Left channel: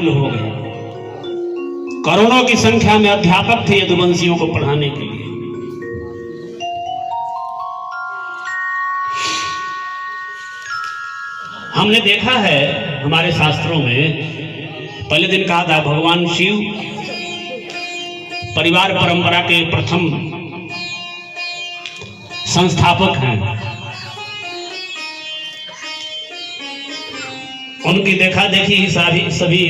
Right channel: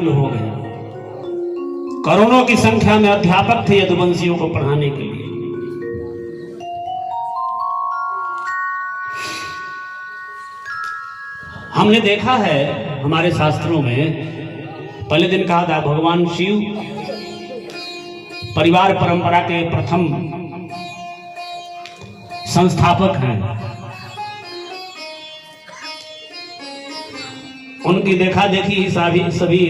व्याकुल हो गए। करोड़ों की संख्या में अध्यापक थे यदुवंशियों को पढ़ाने के लिए। हमने देखा है हमारे शास्त्रों में, पहले दिन कहा था भगवान शिव परिवार परंपरा के प्रथम संस्थापक हैं। उनकी देखा देखी ही सभी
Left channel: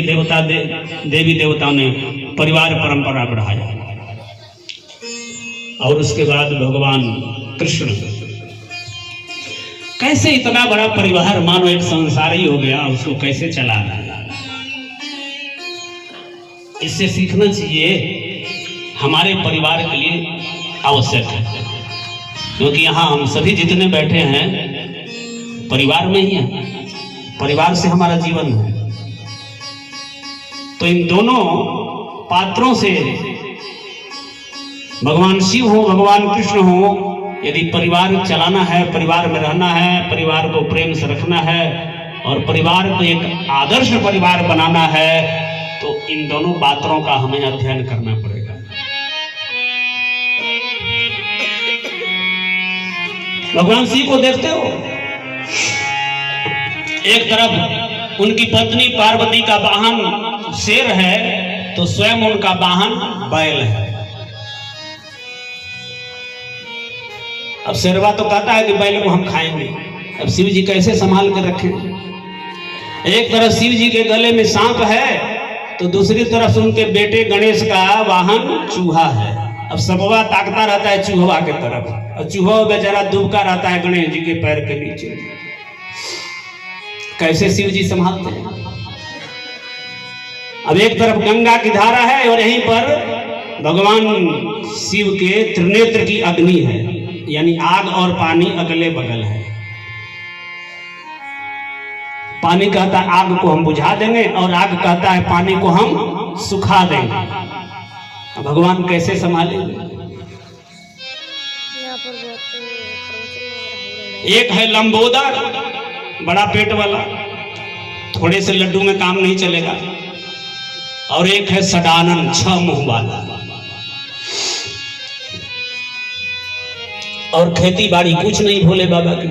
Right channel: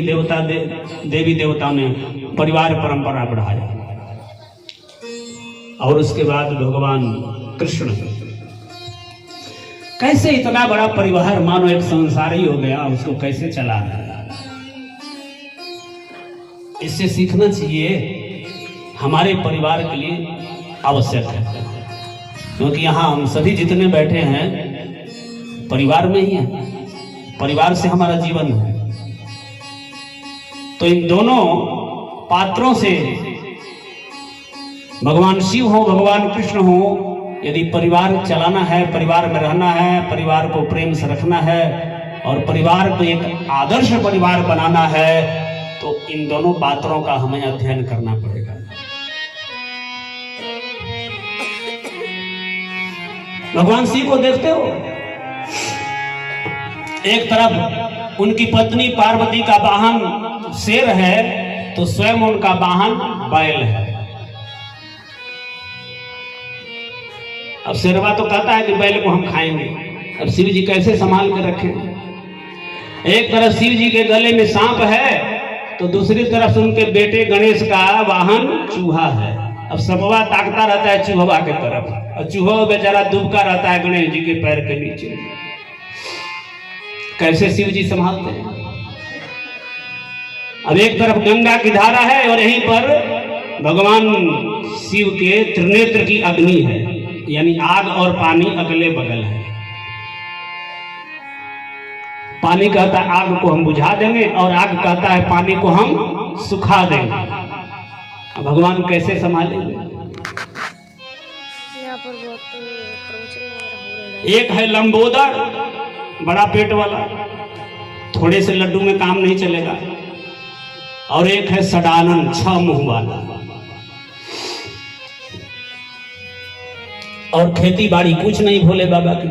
देवी देवताओं ने परिवार परंपरा बढ़ाया। और उसके बाद भगवान कृष्ण, कैसे इतना बड़ा परिवार, मानो एक संसार ही हो गया, उसको कैसे चलाना। इससे सीखना चाहिए, हमारे परिवार के लिए आवश्यक है, क्योंकि यहाँ हम सभी जितने बैठे हैं परिवार में ही हैं, परिवार से हमारा जीवन है। तो इन दोनों पात्रों से, भगवान शिव हो भगवान कृष्ण हो, यदि परिवार चलाना है, परिवार में रहना है, परिवार को प्रेम से रखना है और परिवार को एक आदर्श परिवार बनाना है, तो इन दोनों पात्रों का हमें अध्ययन करना पड़ेगा। भगवान शिव को देखते हो, एक तरफ उनकी पत्नी पार्वती का वाहन शेर है, तो स्वयं उनका वाहन बैल है। अब शेरवा तो कहता है कि बैल को हम खाएंगे, अब शिव जी कैसे संभाल कर रखें। एक तरफ शिव जी के गले में सांप है, तो दूसरी तरफ उनके बेटे गणेश का वाहन चूहा है। अब सबवा ताकता रहता है चूहवा के तरफ, और चूहा बेचारा दुबका रहता है गणेश जी के पैर के नीचे। कैसे शिव जी संभालते हैं। अब एक तरफ गंगा की धारा है और यहीं पर भगवान शिव के त्रिनेत्र की अग्नि है, यानी आग और पानी अगले बगल है। पानी कहता है आग को हम बुझा देंगे, और आग कहता है पानी को हम सुखा देंगे। भगवान कैसे संभालेंगे। एक है लंबोदर, बड़ा पेट वाला, थोड़े से लड्डू में काम नहीं चलेगा, और एक है सडानन, 6 मुंह वाला, और खेती बाड़ी कुछ नहीं भोले बाबा की।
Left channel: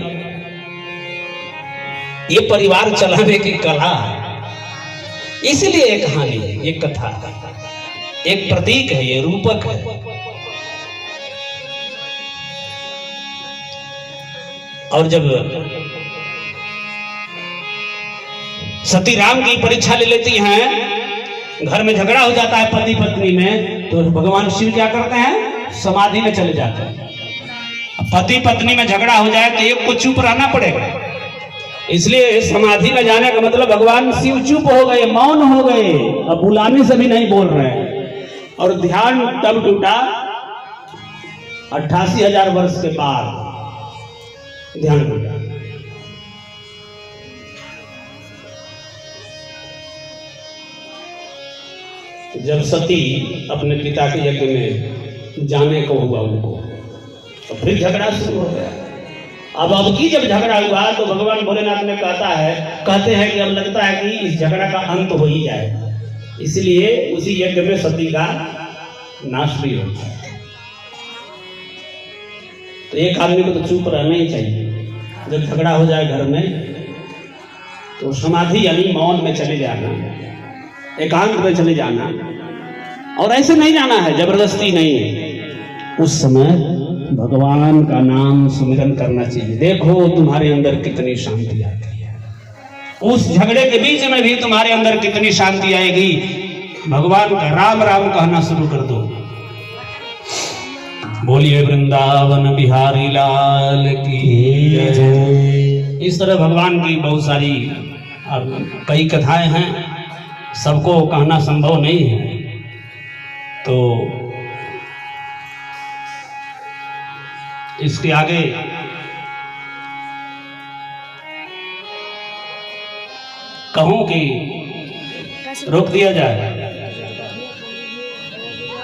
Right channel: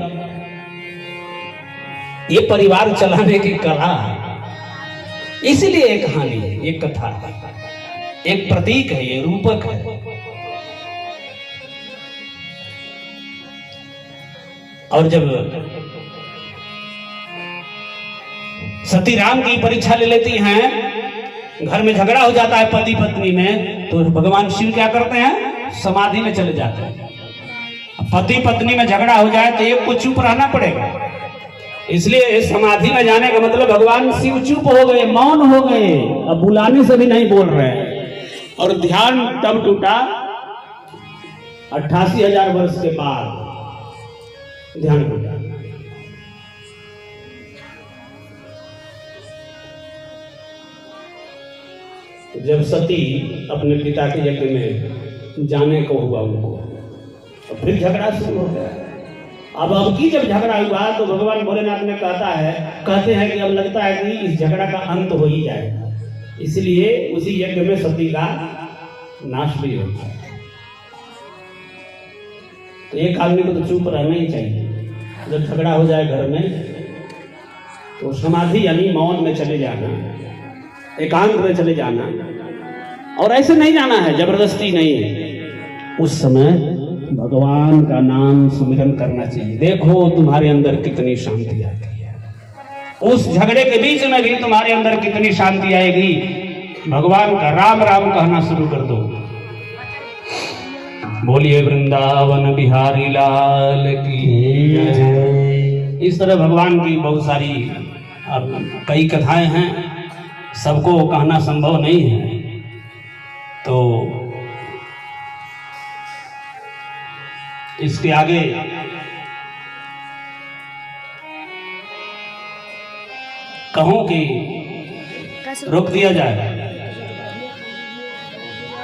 ये परिवार चलाने की कला, इसलिए एक कहानी है, एक कथा है, एक प्रतीक है, ये रूपक है। और जब सती राम की परीक्षा ले लेती हैं, घर में झगड़ा हो जाता है पति पत्नी में, तो भगवान शिव क्या करते हैं, समाधि में चले जाते हैं। पति पत्नी में झगड़ा हो जाए तो एक को चुप रहना पड़ेगा, इसलिए समाधि में जाने का मतलब भगवान शिव चुप हो गए, मौन हो गए, अब बुलाने से भी नहीं बोल रहे हैं। और ध्यान तब टूटा 88,000 वर्ष के बाद ध्यान टूटा। जब सती अपने पिता के यज्ञ में जाने को हुआ उनको, तो फिर झगड़ा शुरू हो गया। अब की जब झगड़ा हुआ तो भगवान भोलेनाथ ने कहते हैं कि अब लगता है कि इस झगड़ा का अंत हो ही जाएगा, इसलिए उसी यज्ञ में सती का नाश भी होता है। तो एक आदमी को तो चुप रहना ही चाहिए। जब झगड़ा हो जाए घर में तो समाधि यानी मौन में चले जाना, एकांत में चले जाना, और ऐसे नहीं जाना है, जबरदस्ती नहीं है। उस समय भगवान का नाम सुमिरन करना चाहिए। देखो तुम्हारे अंदर कितनी शांति आती है, उस झगड़े के बीच में भी तुम्हारे अंदर कितनी शांति आएगी। भगवान का राम राम कहना शुरू कर दो। बोलिए वृंदावन बिहारी लाल की जय। इस तरह भगवान की बहुत सारी कई कथाएं हैं, सबको कहना संभव नहीं है, तो इसके आगे कहूं कि रोक दिया जाए,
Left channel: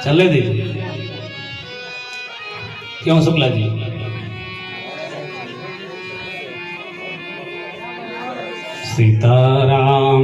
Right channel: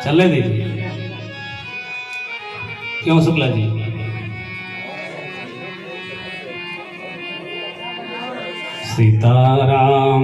चलने दीजिए। क्यों शुक्ला जी? सीताराम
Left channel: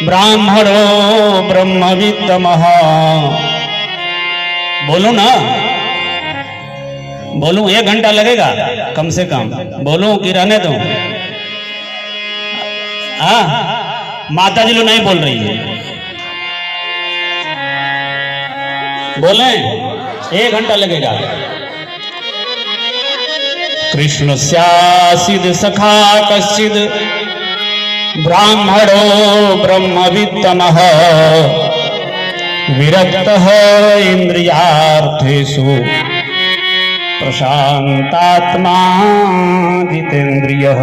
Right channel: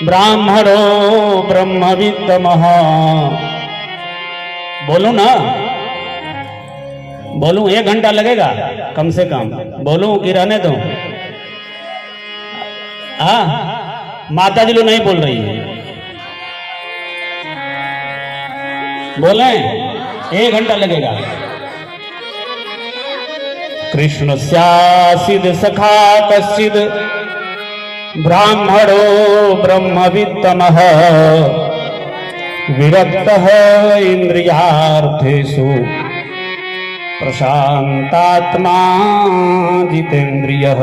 ब्राह्मणो ब्रह्मवित्तमः। बोलो ना, बोलूं 1 घंटा लगेगा कम से कम, बोलूं कि रहने दूं? हाँ, माता जी लोग नहीं बोल रही है, बोले 1 घंटा लगेगा। कृष्ण स्यासिद सखा कश्चिद ब्राह्मणो ब्रह्मवित्तमः विरक्तः इंद्रियार्थेषु प्रशांतात्मा जितेन्द्रियः।